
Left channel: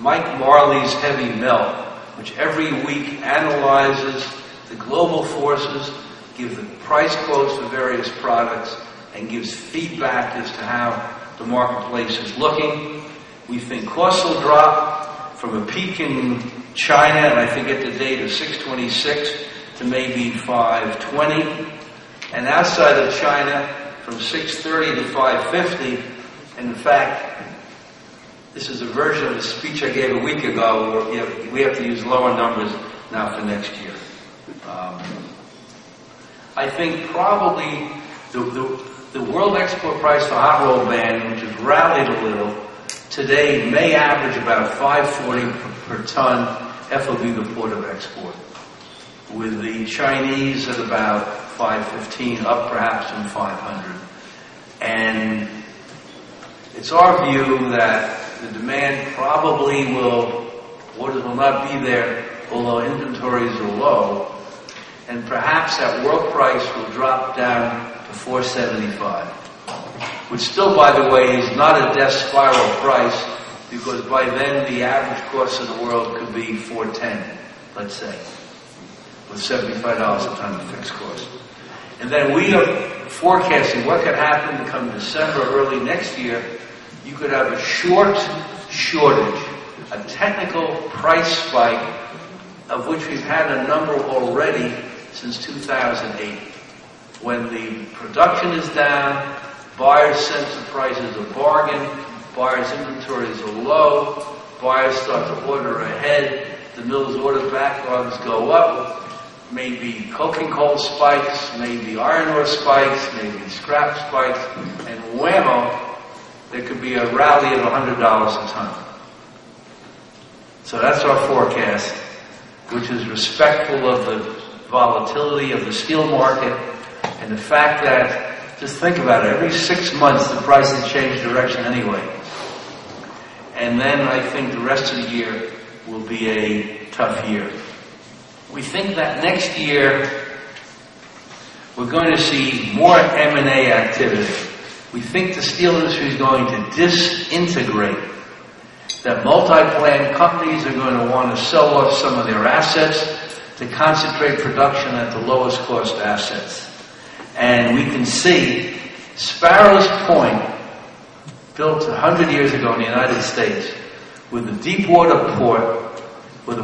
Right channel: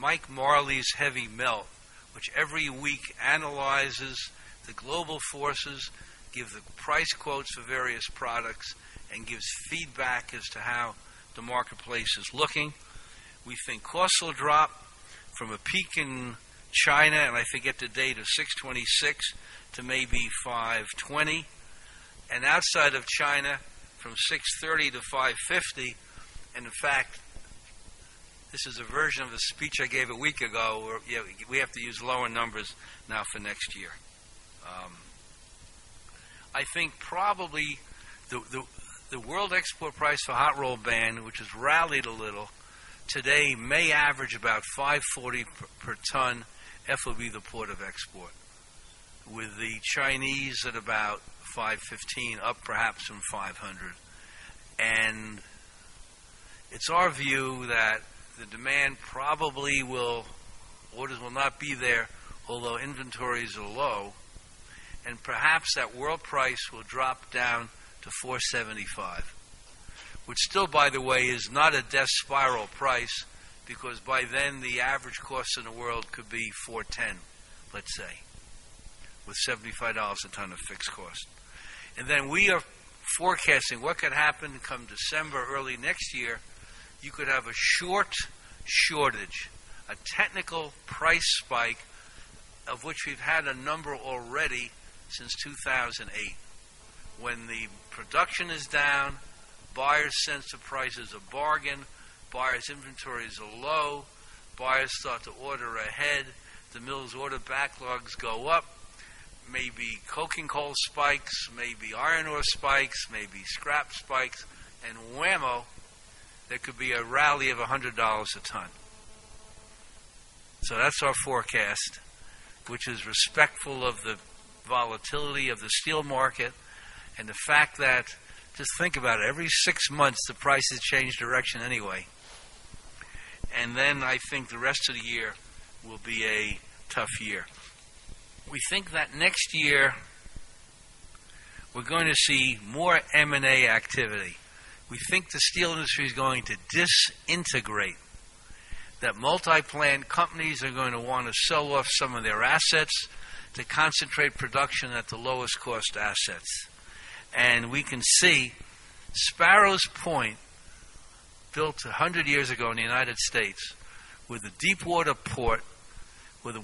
Mike Marley's Heavy Melt, which every week analyzes the global forces, gives the price quotes for various products, and gives feedback as to how the marketplace is looking. We think costs will drop from a peak in China, and I think at the date of 626 to maybe 520, and outside of China from 630 to 550. And in fact, this is a version of a speech I gave a week ago where we have to use lower numbers now for next year. I think probably the world export price for hot rolled band, which has rallied a little, today may average about 540 per ton FOB the port of export, with the Chinese at about 515, up perhaps from 500. And it's our view that the demand probably orders will not be there, although inventories are low, and perhaps that world price will drop down to 475, which still, by the way, is not a death spiral price, because by then the average cost of the world could be 410, let's say, with $75 a ton of fixed cost. And then we are forecasting what could happen come December, early next year. You could have a shortage, a technical price spike, of which we've had a number already since 2008. When the production is down, buyers sense the price is a bargain, buyers' inventories are low, buyers start to order ahead, the mill's order backlogs go up, maybe coking coal spikes, maybe iron ore spikes, maybe scrap spikes, and whammo, there could be a rally of $100 a ton. So that's our forecast, which is respectful of the volatility of the steel market and the fact that, just think about it, every 6 months the prices change direction anyway. And then I think the rest of the year will be a tough year. We think that next year we're going to see more M&A activity. We think the steel industry is going to disintegrate, that multi-plant companies are going to want to sell off some of their assets to concentrate production at the lowest cost assets. And we can see Sparrows Point, built 100 years ago in the United States, with a deep water port, with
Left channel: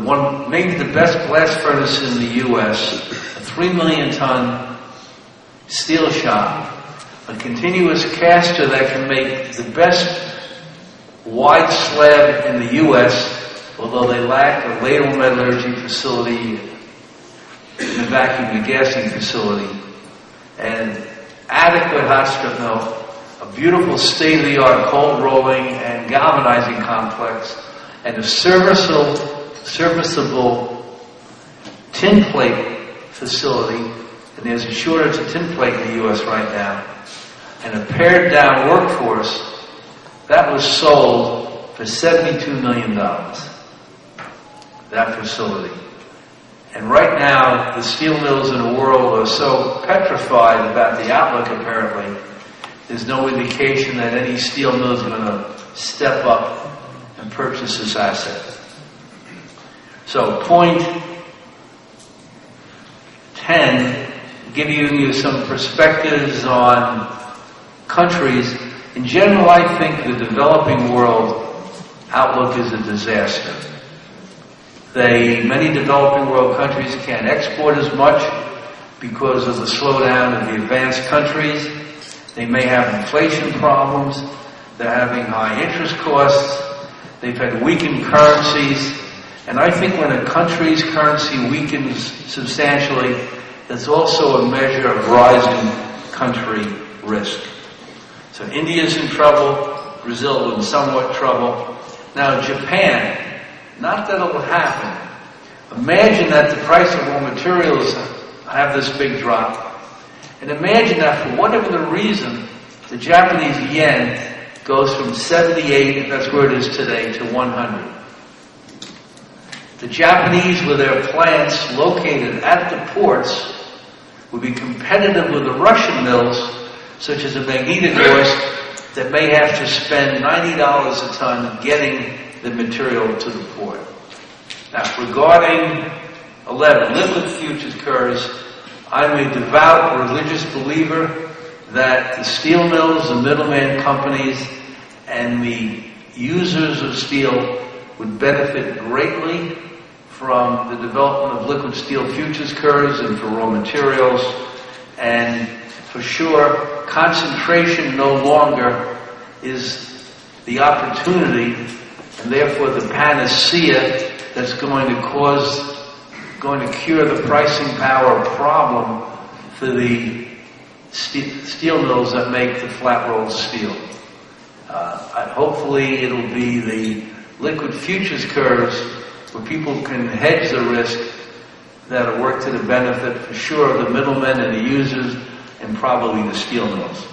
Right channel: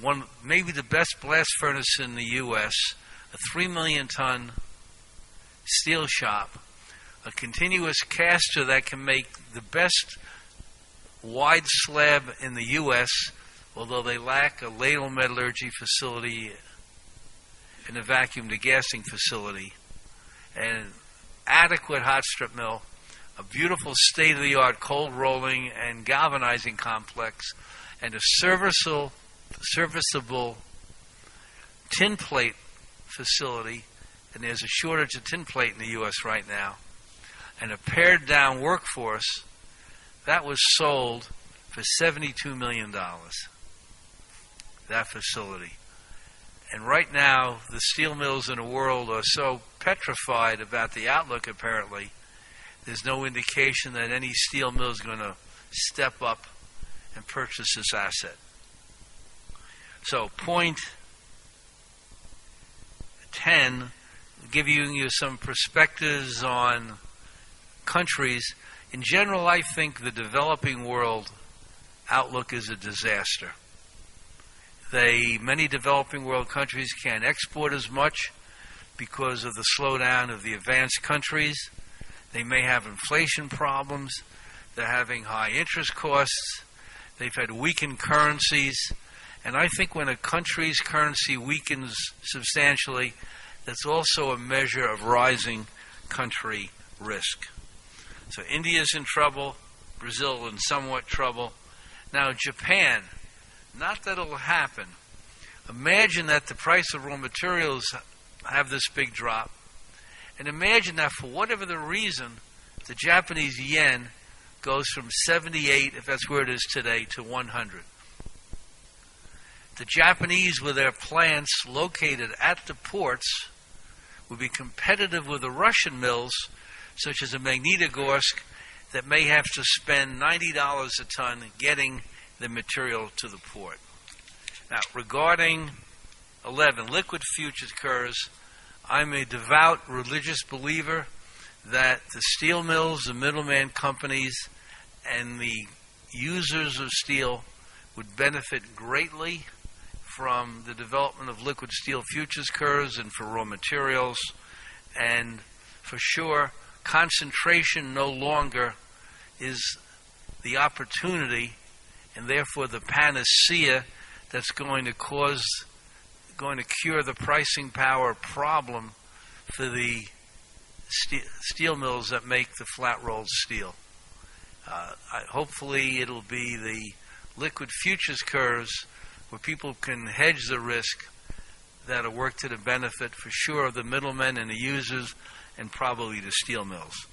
maybe the best blast furnace in the U.S., a 3 million ton steel shop, a continuous caster that can make the best wide slab in the U.S., although they lack a ladle metallurgy facility and a vacuum degassing facility, and adequate hot strip mill, a beautiful state-of-the-art cold rolling and galvanizing complex, and a serviceable tin plate facility, and there's a shortage of tin plate in the U.S. right now, and a pared down workforce. That was sold for $72 million, that facility. And right now, the steel mills in the world are so petrified about the outlook, apparently, there's no indication that any steel mill is going to step up and purchase this asset. So, point 10, giving you some perspectives on countries. In general, I think the developing world outlook is a disaster. Many developing world countries can't export as much because of the slowdown of the advanced countries. They may have inflation problems. They're having high interest costs. They've had weakened currencies. And I think when a country's currency weakens substantially, that's also a measure of rising country risk. So India's in trouble. Brazil in somewhat trouble. Now Japan, not that it will happen. Imagine that the price of raw materials have this big drop. And imagine that for whatever the reason, the Japanese yen goes from 78, if that's where it is today, to 100. The Japanese, with their plants located at the ports, will be competitive with the Russian mills, such as the Magnitogorsk, that may have to spend $90 a ton getting the material to the port. Now, regarding 11, liquid futures curves, I'm a devout religious believer that the steel mills, the middleman companies, and the users of steel would benefit greatly from the development of liquid steel futures curves and for raw materials. And for sure, concentration no longer is the opportunity, and therefore the panacea that's going to cure the pricing power problem for the steel mills that make the flat rolled steel. Hopefully it'll be the liquid futures curves where people can hedge the risk that'll work to the benefit for sure of the middlemen and the users and probably the steel mills.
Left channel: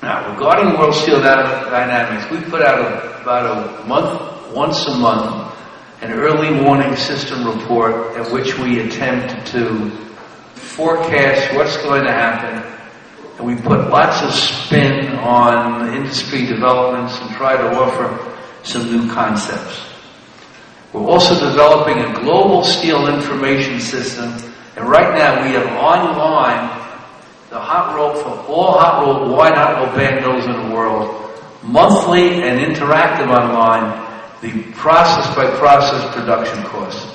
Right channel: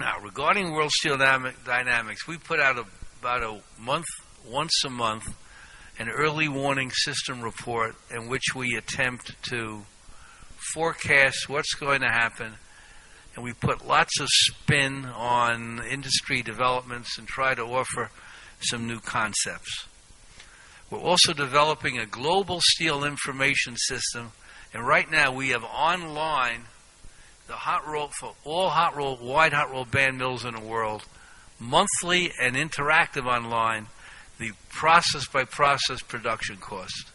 Now, regarding World Steel Dynamics, we put out once a month, an early warning system report in which we attempt to forecast what's going to happen, and we put lots of spin on industry developments and try to offer some new concepts. We're also developing a global steel information system, and right now we have online the hot roll for all wide hot roll band mills in the world, monthly and interactive online, the process-by-process production costs.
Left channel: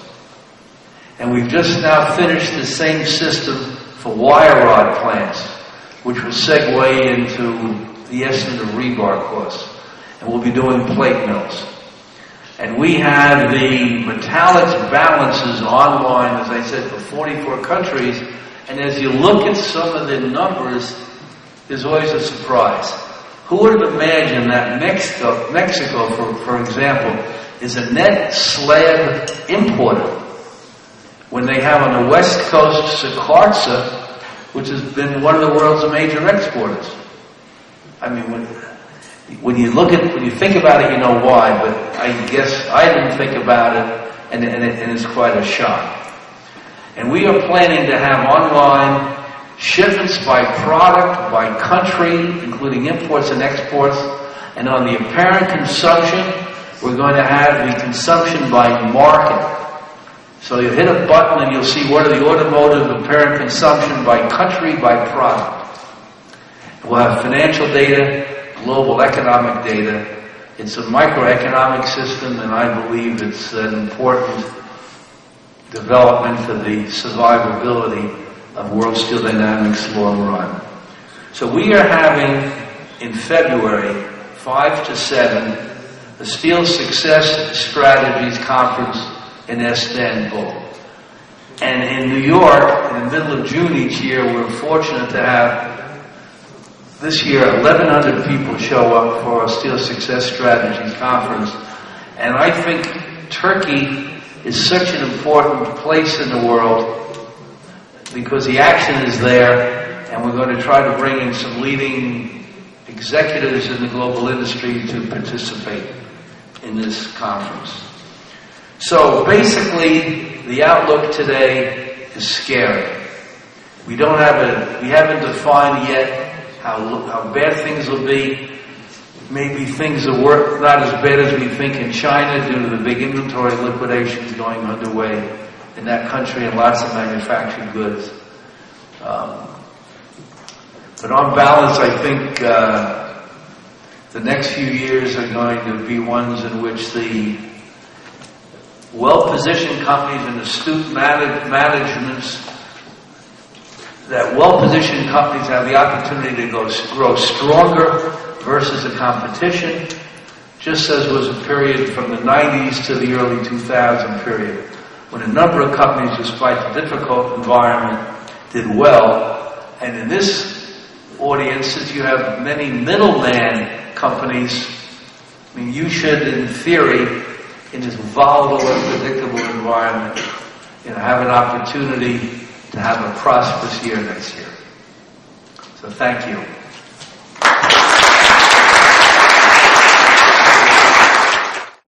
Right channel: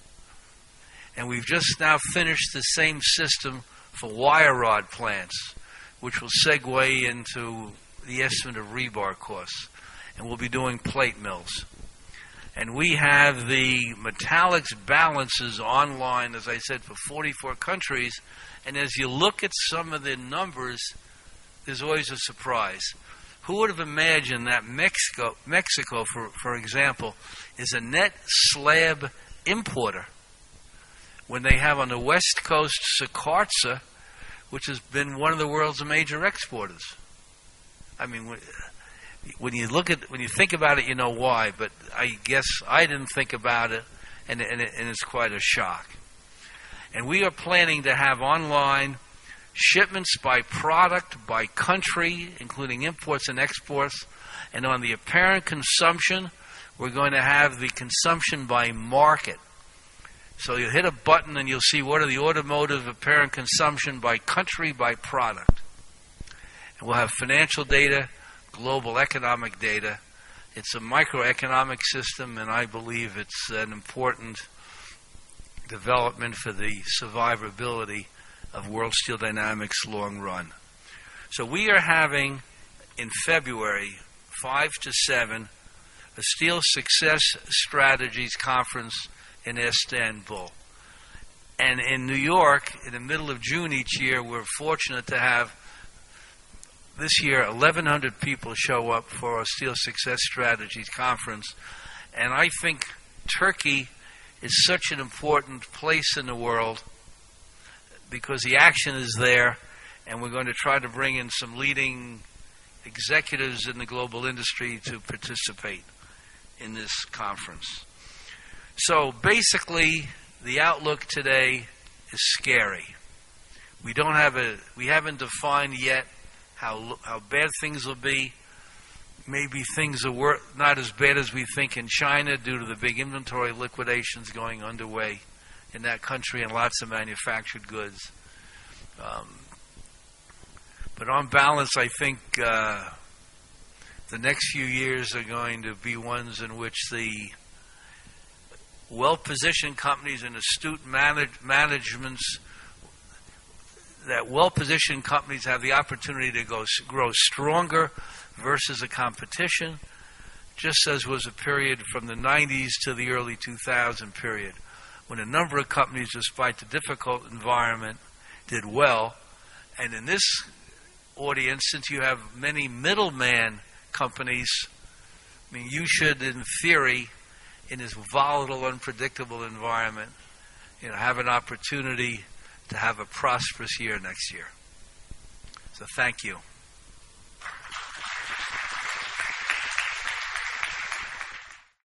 And we've just now finished the same system for wire rod plants, which will segue into the estimate of rebar costs. And we'll be doing plate mills. And we have the metallics balances online, as I said, for 44 countries. And as you look at some of the numbers, there's always a surprise. Who would have imagined that Mexico, for example, is a net slab importer when they have on the west coast Sakartza, which has been one of the world's major exporters? I mean, when you think about it, you know why, but I guess I didn't think about it, and it's quite a shock. And we are planning to have online shipments by product, by country, including imports and exports, and on the apparent consumption, we're going to have the consumption by market. So you hit a button and you'll see what are the automotive apparent consumption by country, by product. We'll have financial data, global economic data, It's a microeconomic system, and I believe it's an important development for the survivability of World Steel Dynamics long run. So we are having, in February, 5 to 7, the Steel Success Strategies Conference in Istanbul. And in New York, in the middle of June each year, we're fortunate to have, this year, 1,100 people show up for our Steel Success Strategies Conference. And I think Turkey is such an important place in the world because the action is there, and we're going to try to bring in some leading executives in the global industry to participate in this conference. So basically, the outlook today is scary. We haven't defined yet how bad things will be. Maybe things will not as bad as we think in China due to the big inventory liquidations going underway in that country and lots of manufactured goods. But on balance, I think the next few years are going to be ones in which the well-positioned companies and astute managements, that well-positioned companies have the opportunity to grow stronger versus the competition, just as was a period from the 90s to the early 2000 period, when a number of companies, despite the difficult environment, did well. And in this audience, since you have many middleman companies, I mean, you should, in theory, in this volatile, unpredictable environment, have an opportunity to have a prosperous year next year. So thank you.